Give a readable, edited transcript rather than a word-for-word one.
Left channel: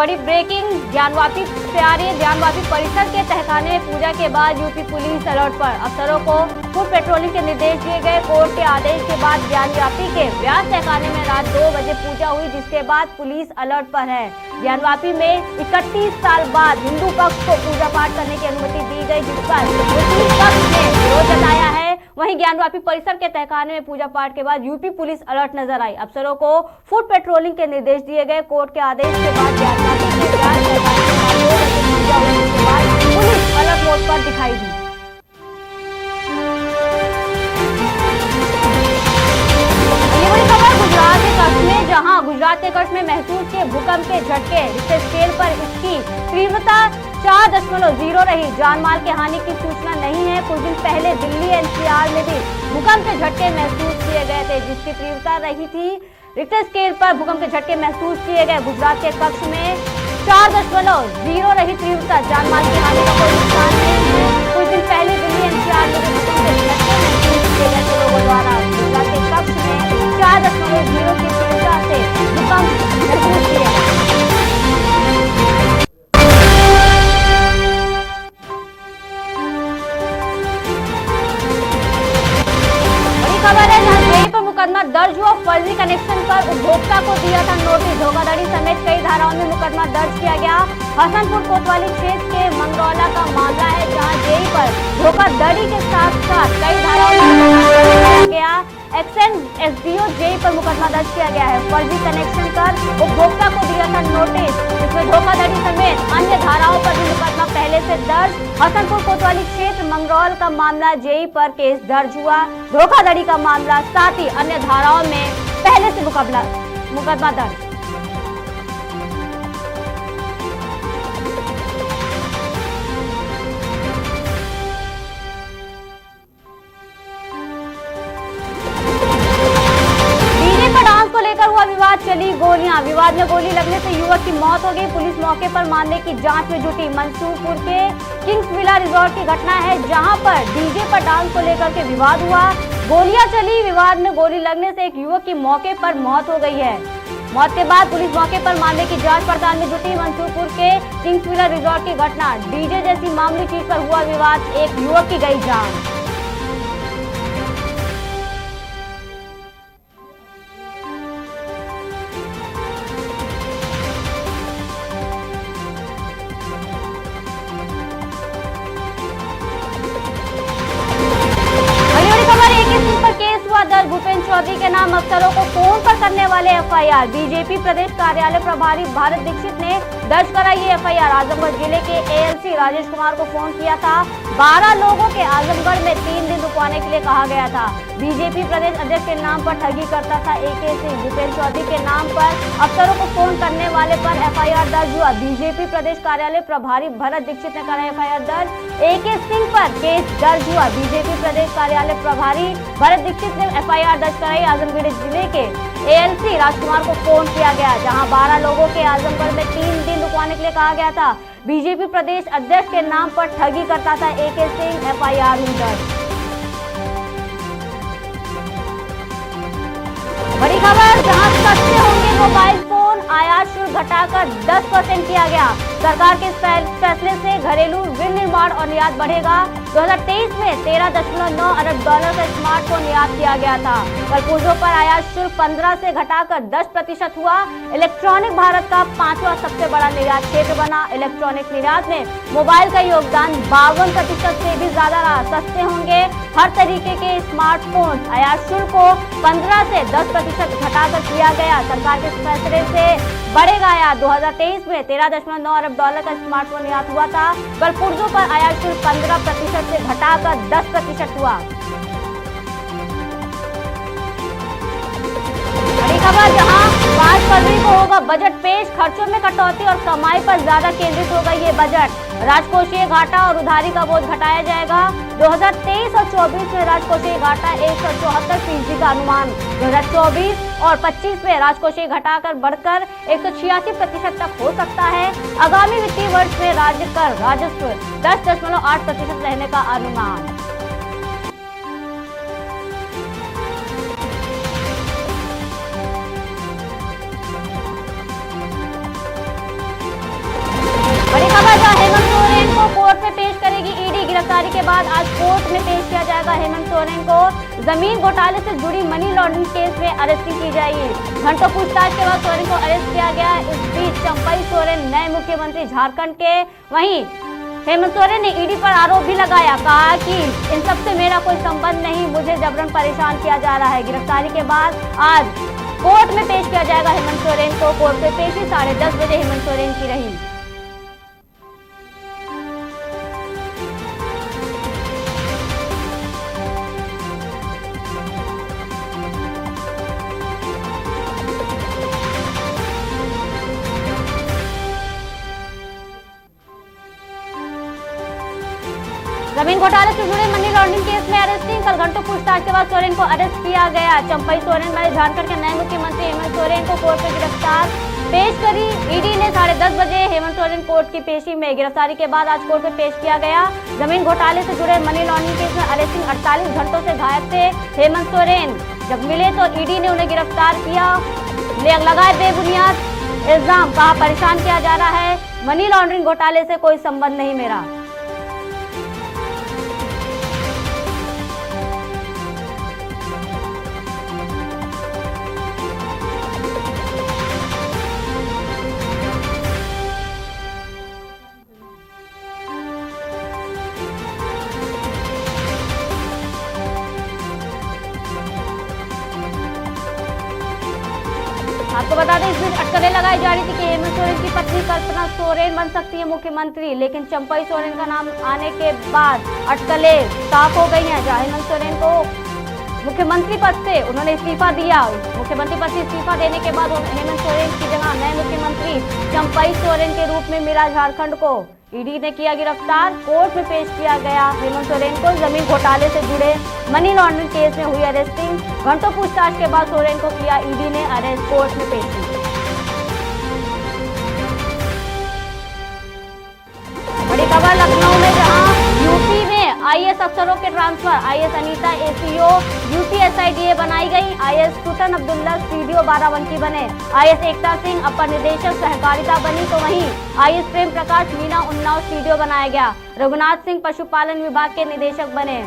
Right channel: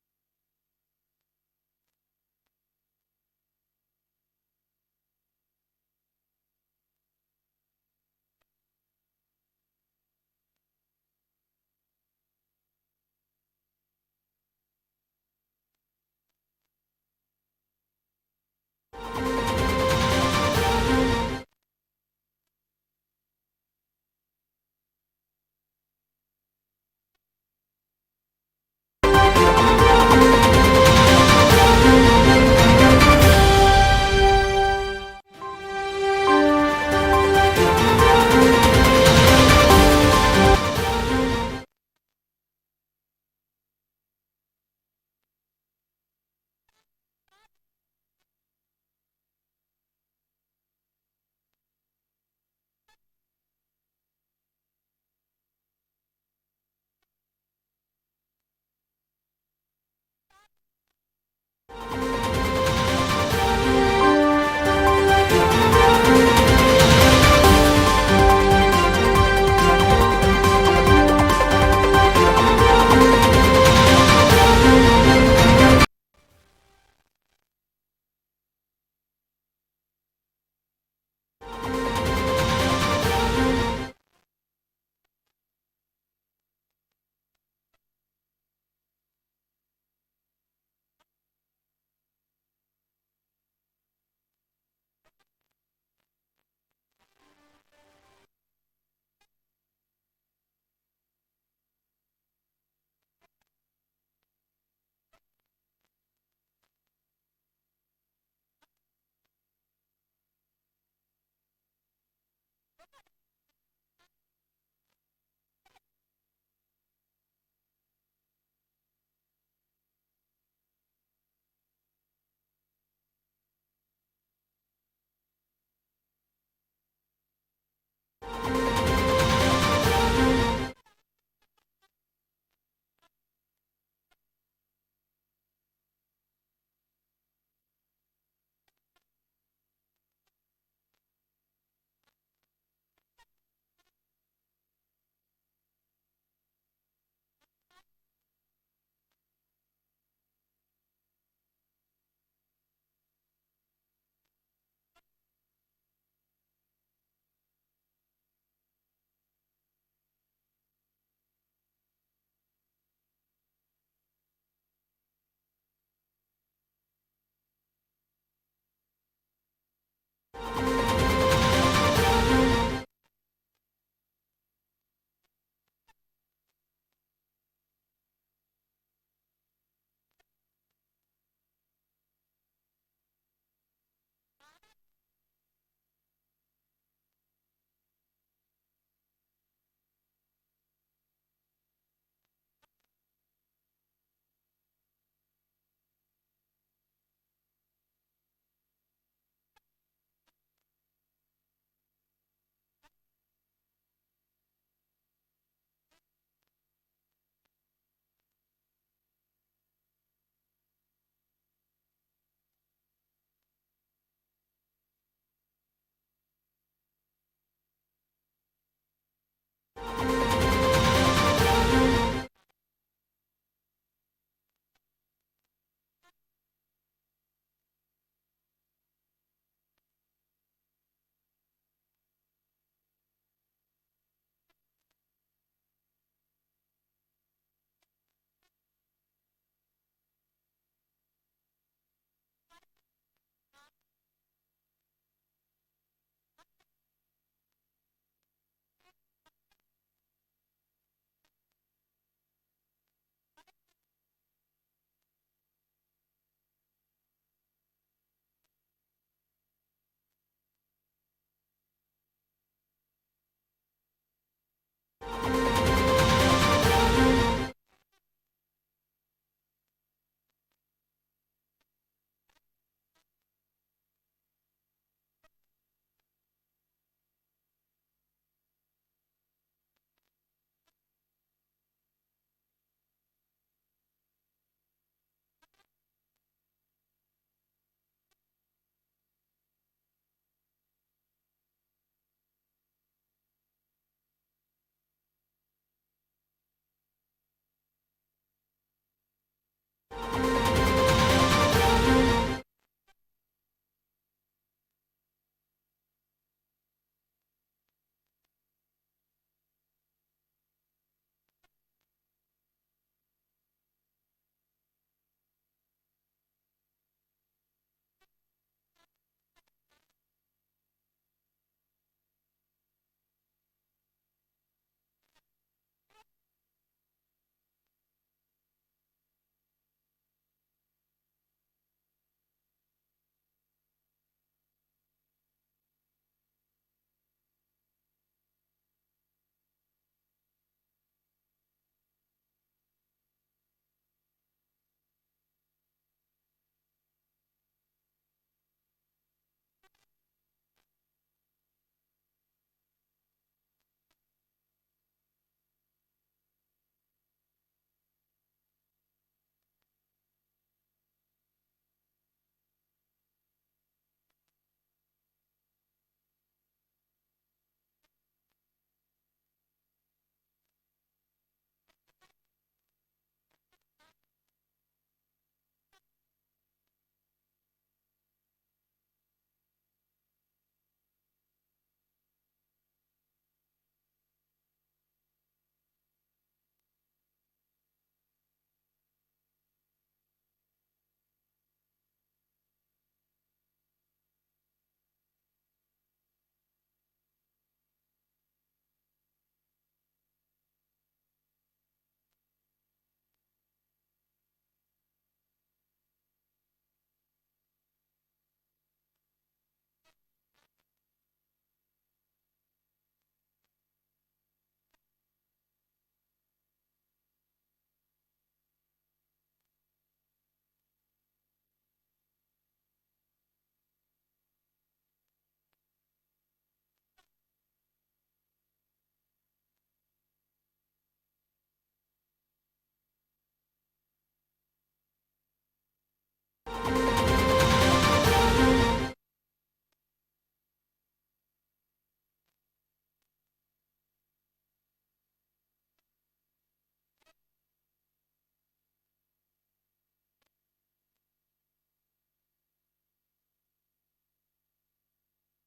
बड़ी ब्रेकिंग ज्ञानवापी से आ रही है। ज्ञानवापी परिसर के तहखाने में पूजा के बाद यूपी पुलिस अलर्ट पर। अफसरों को फुट पेट्रोलिंग के निर्देश दिए गए। कोर्ट के आदेश के बाद ज्ञानवापी के व्यास तहखाने में रात 2 बजे पूजा हुई, जिसके बाद पुलिस अलर्ट पर है। ज्ञानवापी में 31 साल बाद हिंदू पक्ष को पूजा पाठ करने की अनुमति दी गई, जिस पर मुस्लिम पक्ष ने विरोध जताया है। वहीं ज्ञानवापी परिसर के तहखाने में पूजा पाठ के बाद यूपी पुलिस अलर्ट नजर आई। अफसरों को फुट पेट्रोलिंग के निर्देश दिए गए। कोर्ट के आदेश के बाद पुलिस अलर्ट मोड पर दिखाई दी। गुजरात के कच्छ में महसूस किए भूकंप के झटके। रिक्टर स्केल पर इसकी तीव्रता 4.0 रही। जानमाल की हानि की सूचना नहीं है। कुछ दिन पहले दिल्ली एनसीआर में भी भूकंप के झटके महसूस किए गए थे, जिसकी तीव्रता रही थी। रिक्टर स्केल पर भूकंप के झटके महसूस किए गए। गुजरात के कच्छ में 4.0 रही तीव्रता। जानमाल की हानि का कोई नुकसान नहीं है। कुछ दिन पहले दिल्ली एनसीआर में मुकदमा दर्ज हुआ। फर्जी कनेक्शन पर उपभोक्ता को दिया था नोटिस। धोखाधड़ी समेत कई धाराओं में मुकदमा दर्ज किया गया। हसनपुर कोतवाली क्षेत्र के मंगरौला का मामला है, जहां जेई पर धोखाधड़ी के साथ साथ कई धाराओं में मुकदमा किया गया। एक्सेंड एसडीओ जेई पर मुकदमा दर्ज किया गया है। फर्जी कनेक्शन पर उपभोक्ता को दिया था नोटिस। इसमें धोखाधड़ी समेत अन्य धाराओं पर भी मुकदमा पहले से दर्ज। हसनपुर कोतवाली क्षेत्र मंगरौल का मामला जेई पर केस दर्ज हुआ। धोखाधड़ी का मामला, साथ ही अन्य धाराओं में पहले से मुकदमा दर्ज। चली गोलियां। विवाद में गोली लगने से युवक की मौत हो गई। पुलिस मौके पर मामले की जांच में जुटी। मंसूरपुर के किंग्स विला रिजॉर्ट की घटना है, जहां पर डीजे पर डांस को लेकर के विवाद हुआ। गोलियां चली। विवाद में गोली लगने से एक युवक की मौके पर मौत हो गई है। मौत के बाद पुलिस मौके पर मामले की जांच पड़ताल में जुटी। मंसूरपुर के किंग्स विला रिजॉर्ट की घटना, डीजे जैसी मामूली चीज पर हुआ विवाद, एक युवक की गई जान। भूपेंद्र चौधरी के नाम अफसरों को फोन पर करने वाले एफआईआर। बीजेपी प्रदेश कार्यालय प्रभारी भारत दीक्षित ने दर्ज कराई एफआईआर। आजमगढ़ जिले के एएलसी राजेश कुमार को फोन किया था। 12 लोगों के आजमगढ़ में 3 दिन रुकवाने के लिए कहा गया था। बीजेपी प्रदेश अध्यक्ष के नाम पर ठगी करता था एके सिंह। भूपेंद्र चौधरी के नाम पर अफसरों को फोन करने वाले पर एफआईआर दर्ज हुआ। बीजेपी प्रदेश कार्यालय प्रभारी भरत दीक्षित ने करा एफआईआर दर्ज। एके सिंह पर केस दर्ज हुआ। बीजेपी प्रदेश कार्यालय प्रभारी भरत दीक्षित ने एफआईआर दर्ज कराई। आजमगढ़ जिले के एएलसी राजकुमार को फोन किया गया, जहां 12 लोगों के आजमगढ़ में 3 दिन रुकवाने के लिए कहा गया था। बीजेपी प्रदेश अध्यक्ष के नाम पर ठगी करता था एके सिंह। एफआईआर हुई दर्ज। बड़ी खबर, जहां सस्ते होंगे मोबाइल फोन, आयात शुल्क घटाकर 10% किया गया। सरकार के फैसले से घरेलू विनिर्माण और निर्यात बढ़ेगा। 2023 में $13.9 अरब का स्मार्टफोन निर्यात किया गया था। कल पुर्जों पर आयात शुल्क 15 से घटाकर 10% हुआ। इलेक्ट्रॉनिक भारत का 5वां सबसे बड़ा निर्यात क्षेत्र बना। इलेक्ट्रॉनिक निर्यात में मोबाइल का योगदान 52% से भी ज्यादा रहा। सस्ते होंगे हर तरीके के स्मार्टफोन। आयात शुल्क को 15 से 10% घटाकर किया गया। सरकार के फैसले से बढ़ेगा आयात। 2023 में $13.9 अरब का स्मार्टफोन निर्यात हुआ था। कल पुर्जों पर आयात शुल्क 15% से घटाकर 10% हुआ। बड़ी खबर, जहां 5 फरवरी को होगा बजट पेश। खर्चों में कटौती और कमाई पर ज्यादा केंद्रित होगा ये बजट। राजकोषीय घाटा और उधारी का बोझ घटाया जाएगा। 2023 और 24 में राजकोषीय घाटा 174% का अनुमान। 2024 और 25 में राजकोषीय घटाकर बढ़कर 186% तक हो सकता है। आगामी वित्तीय वर्ष में राज्य कर राजस्व 10.8% रहने का अनुमान। गिरफ्तारी के बाद आज कोर्ट में पेश किया जाएगा हेमंत सोरेन को। जमीन घोटाले से जुड़ी मनी लॉन्ड्रिंग केस में अरेस्टिंग की जाएगी। घंटों पूछताछ के बाद सोरेन को अरेस्ट किया गया। इस बीच चंपई सोरेन नए मुख्यमंत्री झारखंड के। वहीं हेमंत सोरेन ने ईडी पर आरोप भी लगाया, कहा कि इन सब से मेरा कोई संबंध नहीं, मुझे जबरन परेशान किया जा रहा है। गिरफ्तारी के बाद आज कोर्ट में पेश किया जाएगा हेमंत सोरेन को। कोर्ट में पेशी 10:30 बजे हेमंत सोरेन की रही। जमीन घोटाले से जुड़े मनी लॉन्ड्रिंग केस में अरेस्टिंग। कल घंटों पूछताछ के बाद सोरेन को अरेस्ट किया गया। चंपई सोरेन बने झारखंड के नए मुख्यमंत्री हेमंत सोरेन को कोर्ट में गिरफ्तार पेश करी। ईडी ने 10:30 बजे हेमंत सोरेन कोर्ट की पेशी में। गिरफ्तारी के बाद आज कोर्ट में पेश किया गया। जमीन घोटाले से जुड़े मनी लॉन्ड्रिंग केस में अरेस्टिंग 48 घंटों से गायब थे हेमंत सोरेन। जब मिले तो ईडी ने उन्हें गिरफ्तार किया। लगाए बेबुनियाद इल्जाम, कहा परेशान किया जा रहा है, मनी लॉन्ड्रिंग घोटाले से कोई संबंध नहीं मेरा। आपको बता दें, इस बीच अटकलें लगाई जा रही थी कि हेमंत सोरेन की पत्नी कल्पना सोरेन बन सकती है मुख्यमंत्री, लेकिन चंपई सोरेन का नाम आने के बाद अटकलें साफ हो गई हैं। जहां हेमंत सोरेन को मुख्यमंत्री पद से उन्होंने इस्तीफा दिया। मुख्यमंत्री पद से इस्तीफा देने के बाद हेमंत सोरेन की जगह नए मुख्यमंत्री चंपई सोरेन के रूप में मिला झारखंड को। ईडी ने किया गिरफ्तार। कोर्ट में पेश किया गया हेमंत सोरेन को। जमीन घोटाले से जुड़े मनी लॉन्ड्रिंग केस में हुई अरेस्टिंग। घंटों पूछताछ के बाद सोरेन को किया ईडी ने अरेस्ट। कोर्ट में पेश की। बड़ी खबर लखनऊ में, जहां यूपी में आईएएस अफसरों के transfer. IAS Anita ACO UP SIDA बनाई गई। आईएएस सुल्तान अब्दुल्ला सीडीओ बाराबंकी बने। आईएएस एकता सिंह अपर निदेशक सहकारिता बनी, तो वहीं आईएएस प्रेम प्रकाश मीना उन्नाव सीडीओ बनाया गया। रघुनाथ सिंह पशुपालन विभाग के निदेशक बने।